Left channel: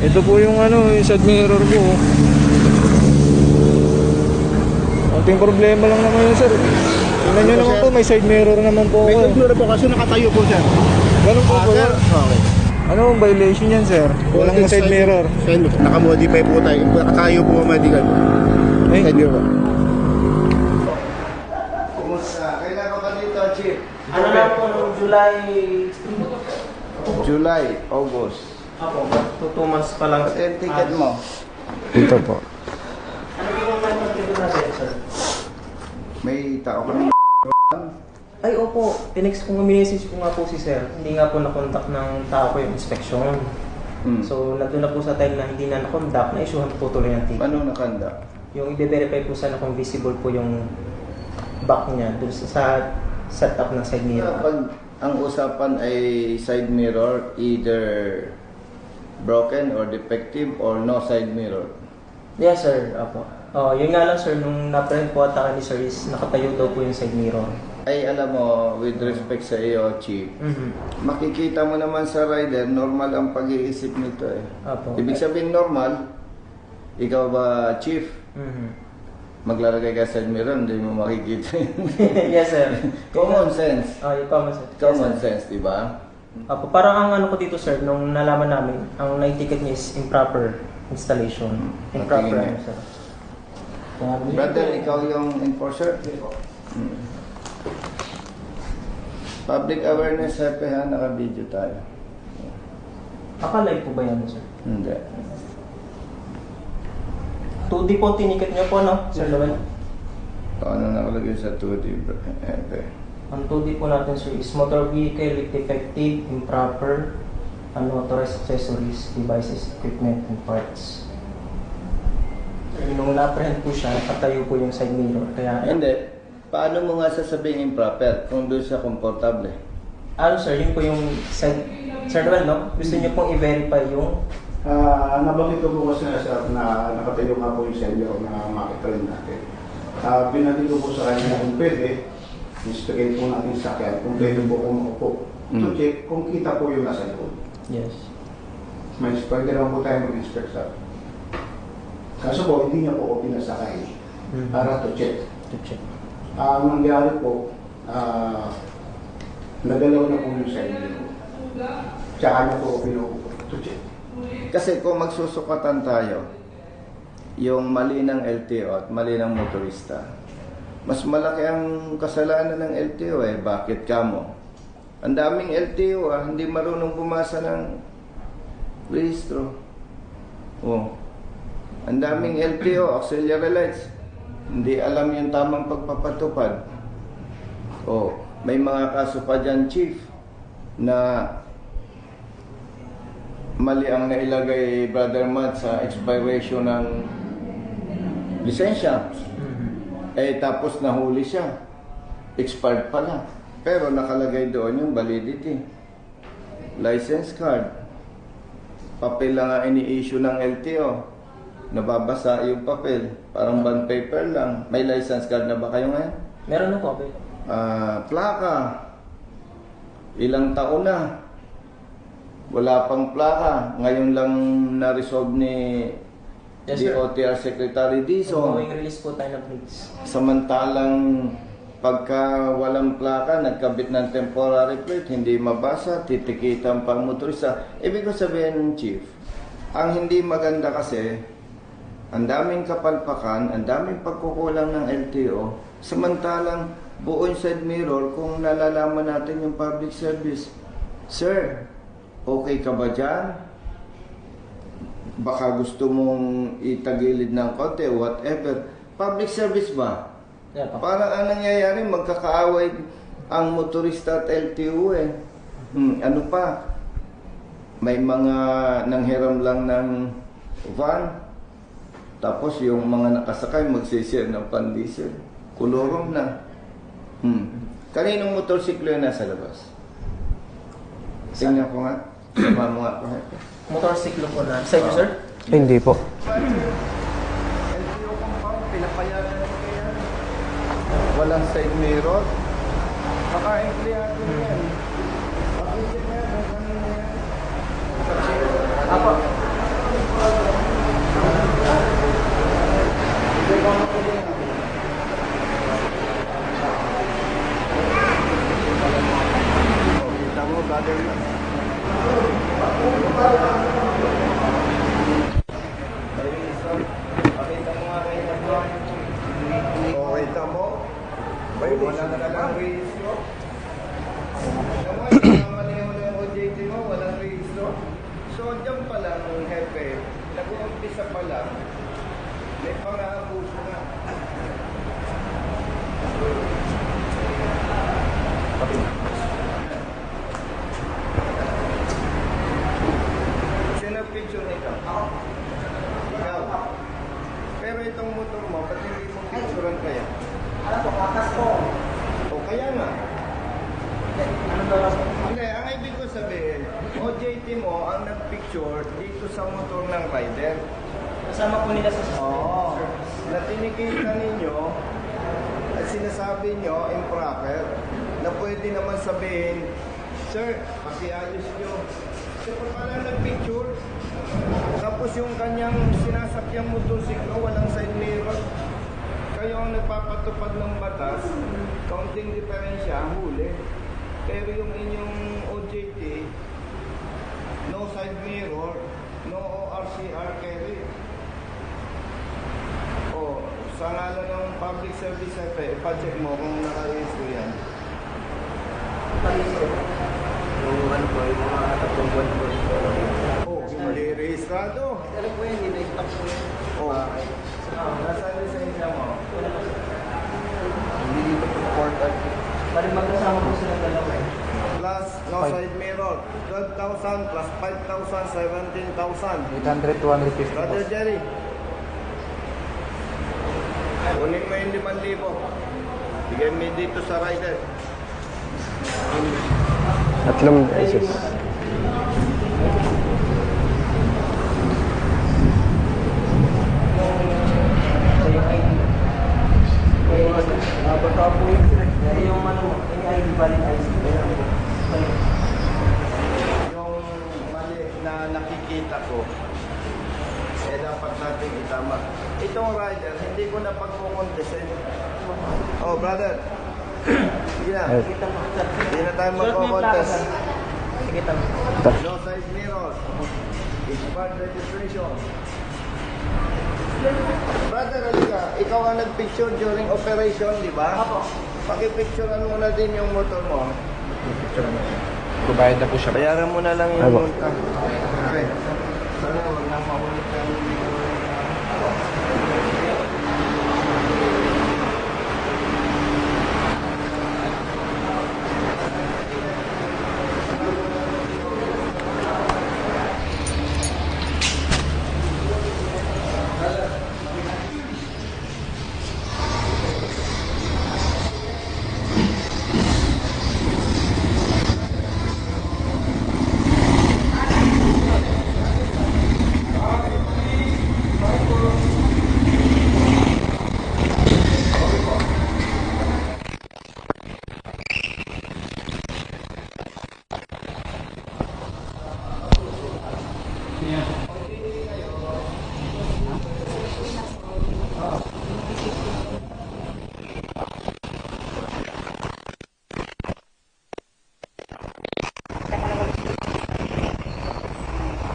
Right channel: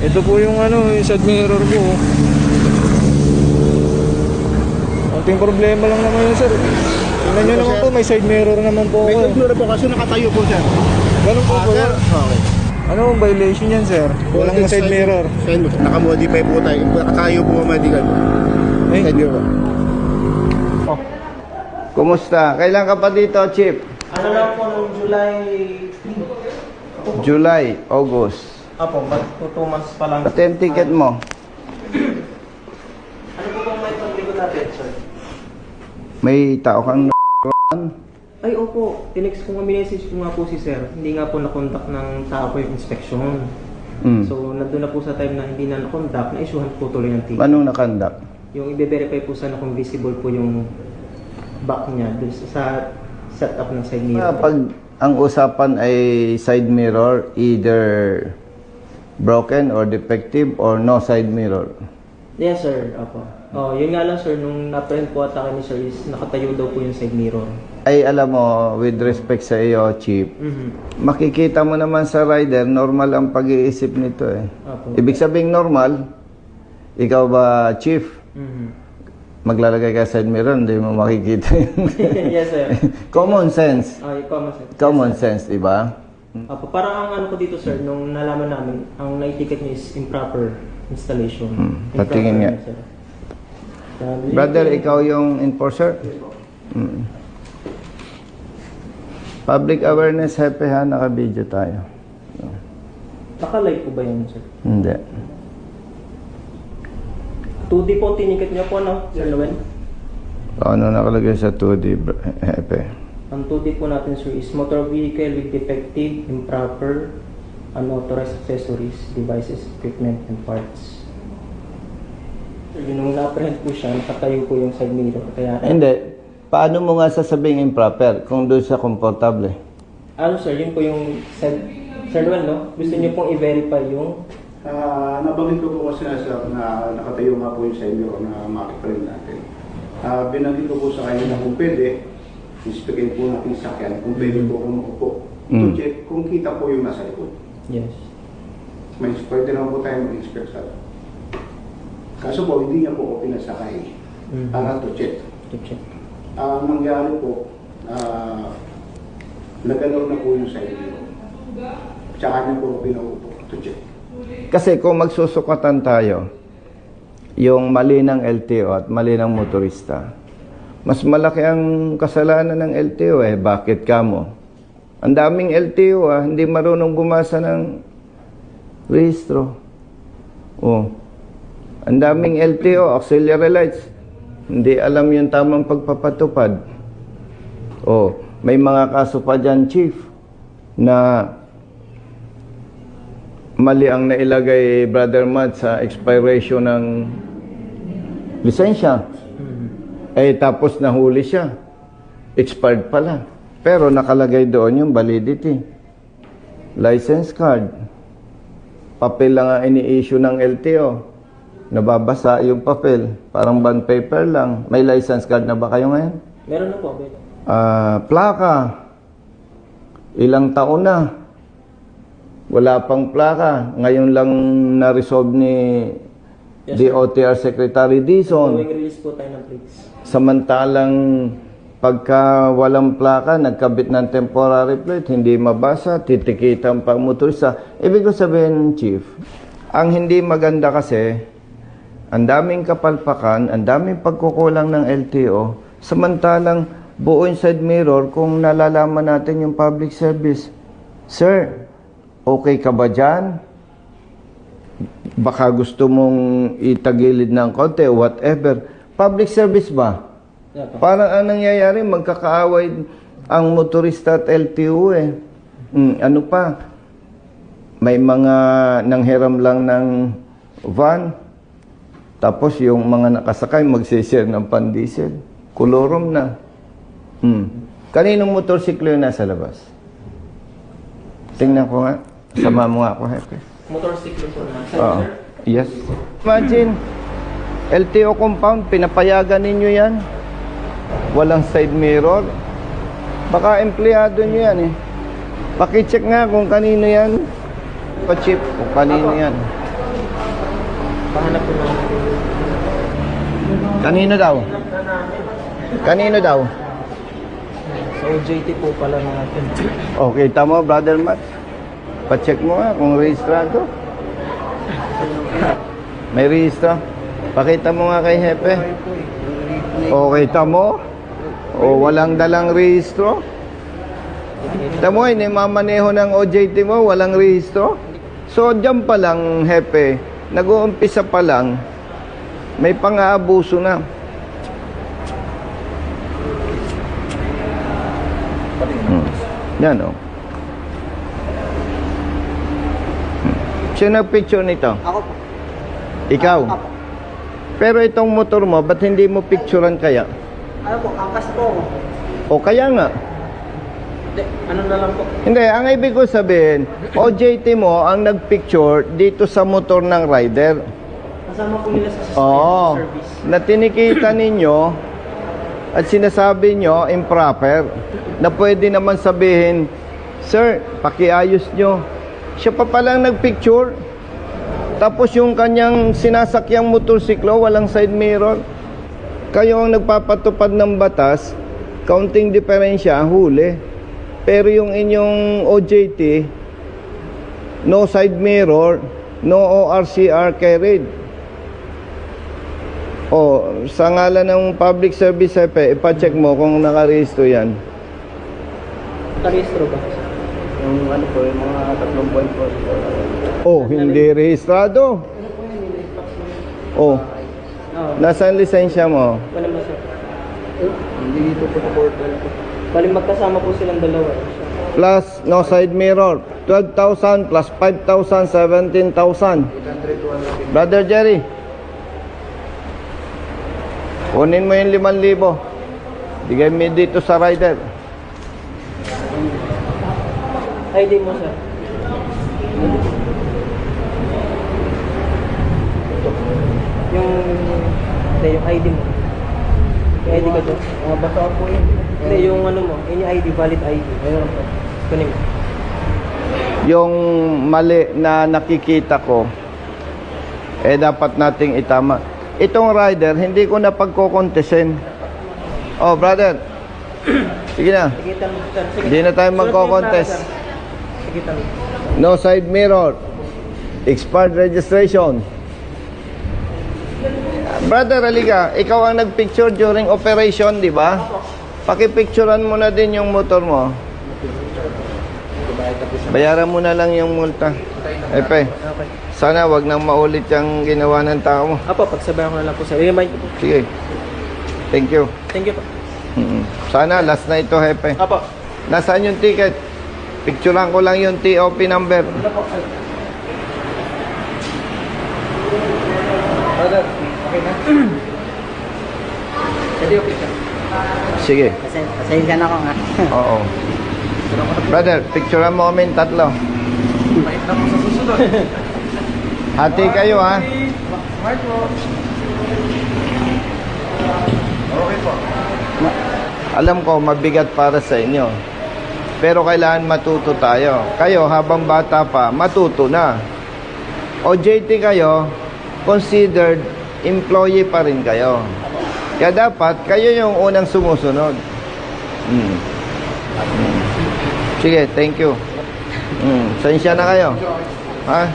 Ito po yung ano, yung side mirror ko. Konting problema lang naman yun, sir. Tingnan nyo naman po, may side mirror naman po May ako. controller po kasi nakatayo po, sir. Ganun po po Sir, yun. okay. Ano ang violation yan, sir? Walang side mirror. Nakamodify po tayo. Nakatayo po medical po. Eh, Side mirror. Kumusta? Kailan ka pa dito, Chief? Ano lang po, noong July, August. Apo, mag 2 months pa lang. Pati ang ticket mo. Ito po. Ano po may pagtiko natin, sir? May tao kang Ay, opo. Tinext ko nga, minessage ko nga po si sir. Hindi nga po nakontak ng tao ko yung inspection. So, nandun na po sa time na hindi na nakontak, na-issuehan po tuloy ng ticket. Anong nakandak? Yung i-verify po sana kung visible po yung back niya dun sa setup ng side mirror. Pag ang usapan ay side mirror, either broken or defective or no side mirror. Yes, sir. Apo. Oh, yun nga lang, sir. Nung na-print po ata ni sir is nakatayo daw po yung side mirror. Ay alam mo, with respect sa iyo, Chief, makikita mo naman sa rider, normal ang pag-iisip nito eh. Apo. Ibig sabihin normal, ikaw ba, Chief, maglalagay ka sa side mirror, hindi mo makikita yun. Yes, sir. Common sense. Yung common sense. Common sense, di ba? Apo, parang ang ano ko dito, sir, nung nalaman namin, ang na-ticket niya is improper installation. Patingin nga. Sir. Brother, ikaw yung enforcer? Public awareness, happy ha, naka-video tayo. Naka-live po ba yan, sir? Hindi. 2D po tiniket niya po, no? Sir naman? Ano nakalagay sa 2D, happy? Ang 2D po natin, sir, is motor vehicle with defective, improper, unauthorized accessories, devices, equipment, and parts. Nung na-print po siya, nakatayo po yung side mirror. Kaya, Hindi. Paano mo nga sasabihin improper kung doon siya komportable? ano, sir, yun po yung side... Sir Noel, no? Gusto niyo pong i-verify yung... Nabanggit ko po kasi na sir na nakatayo nga po yung side mirror na market friend natin. Binanggit ko po sa kanya kung pwede, inspectin po natin sa sakyan, kung pwede po kung upo. To check kung kita po yung nasa likod. Yes. May pwede naman po tayo mag-inspect sir. Kaso po, hindi niya po ako pinasakay para to check. Ang nangyari po, nagalaw na po yung side mirror. Tsaka niya po ako pinaupo to check. Kasi kung magsusukatan tayo, yung mali ng LTO at mali ng motorista, mas malaki ang kasalanan ng LTO eh. Bakit ka mo? Ang daming LTO hindi marunong bumasa ng rehistro. Oh. Ang daming LTO, auxiliary lights. Hindi alam yung tamang pagpapatupad. Oh, may mga kaso pa dyan, Chief, na mali ang nailagay, Brother Matt, sa expiration ng lisensya. Eh, tapos nahuli siya. Expired pala. Pero nakalagay doon yung validity. License card. Papel lang ang ini-issue ng LTO. Nababasa yung papel. Parang bond paper lang. May license card na ba kayo ngayon? Meron na po. Plaka. Ilang taon na. Wala pang plaka. Ngayon lang na-resolve ni DOTR Secretary Dizon. Going release po tayo ng plates. Samantalang pagka walang plaka, nagkabit ng temporary plate, hindi mabasa, titikitan pa motorista. Ibig ko sabihin, Chief, ang hindi maganda kasi, ang daming kapalpakan, ang daming pagkukulang ng LTO, samantalang buo yung side mirror kung nalalaman natin yung public service. Sir, okay ka ba dyan? Baka gusto mong itagilid ng konti, whatever. Public service ba? Parang ang nangyayari, magkakaaway ang motorista at LTO eh. Ano pa? May mga nanghiram lang ng van. Tapos yung mga nakasakay magsishare ng pan-diesel. Kolorom na. Kaninong motorsiklo yung nasa labas? Tingnan ko nga. Sama mo nga ako, Hepe. Motorcycle po na. Sir, sir? Yes. Hindi po. Imagine, LTO compound, pinapayagan ninyo yan. Walang side mirror. Baka empleyado nyo yan eh. Pakicheck nga kung kanino yan. Pa-check kung kanino yan. Hanap ko na. Kanino daw? Kanino daw? JT po pala mga. Okay, tama, Brother Matt. Pa-check mo nga kung rehistrado. May rehistro. Pakita mo nga kay Hepe. Okay, tamo. O, walang dalang rehistro. Tamo, inimamaneho ng OJT mo, walang rehistro. So, dyan pa lang, Hepe, nag-uumpisa pa lang, may pang-aabuso na. Yan, o. Sino nag-picture nito? Ako. Ikaw. Pero itong motor mo, ba't hindi mo picturean kaya? Ano po, kakas po. O kaya nga. Hindi, ano na lang po. Hindi, ang ibig ko sabihin, OJT mo ang nagpicture dito sa motor ng rider. Kasama po nila sa Oo. service. Na tinikita ninyo at sinasabi nyo improper na pwede naman sabihin, sir, pakiayos nyo. Siya pa palang nagpicture. Tapos yung kanyang sinasakyang motorsiklo, walang side mirror. Kayo ang nagpapatupad ng batas, kaunting diferensya, huli. Pero yung inyong OJT, no side mirror, no ORCR carried. O, sa ngalan ng public service, ipacheck mo kung nakarehistro yan. Parehistro po. Yung ano po, yung mga 3 po. Oh, hindi rehistrado. Ano po yan, nilistock po yun. Oh, nasaan lisensya mo? Wala mo siya. Hindi dito po na board. Bali magkasama po silang dalawa eh. Plus, no side mirror. 12,000 plus 5,000, 17,000. 800 to 150. Brother Jerry, kunin mo yung 5,000. Bigay mo dito sa rider. Tatlong... Ay, di po sir. Yung ID mo. Yung ID ko sir. Nabasa po yun. Hindi, yung ano mo, any ID, valid ID. Ayun po. Kunin mo. Yung mali na nakikita ko, dapat nating itama. Itong rider, hindi ko na pagkokontesin. Oh, brother. Sige na. Kita mo sir. Sige. Hindi na tayo magko-contest. Sige, talo. No side mirror. Expired registration. Brother, aliga, ikaw ang nagpicture during operation, di ba? Pakipicturean mo na din yung motor mo. Kubayad na po siya. Bayaran mo na lang yung multa. Epe, sana wag nang maulit yung ginawa ng tao mo. Apo, pagsabahan na lang po sir. Remind. Sige. Thank you. Thank you. Sana last na ito, Hepe. Apo. Nasaan yung ticket? Picturean ko lang yung TOP number. Brother, okay na? Hindi okay sir. Sige. Pasensya na ako nga. Oo. Brother, picturean mo kami tatlo. Hati kayo, ha? Alam ko, mabigat para sa inyo. Pero kailangan matuto tayo. Kayo, habang bata pa, matuto na. OJT kayo, considered employee pa rin kayo. Kaya dapat, kayo yung unang sumusunod. Sige, thank you. Sensya na kayo. Ha?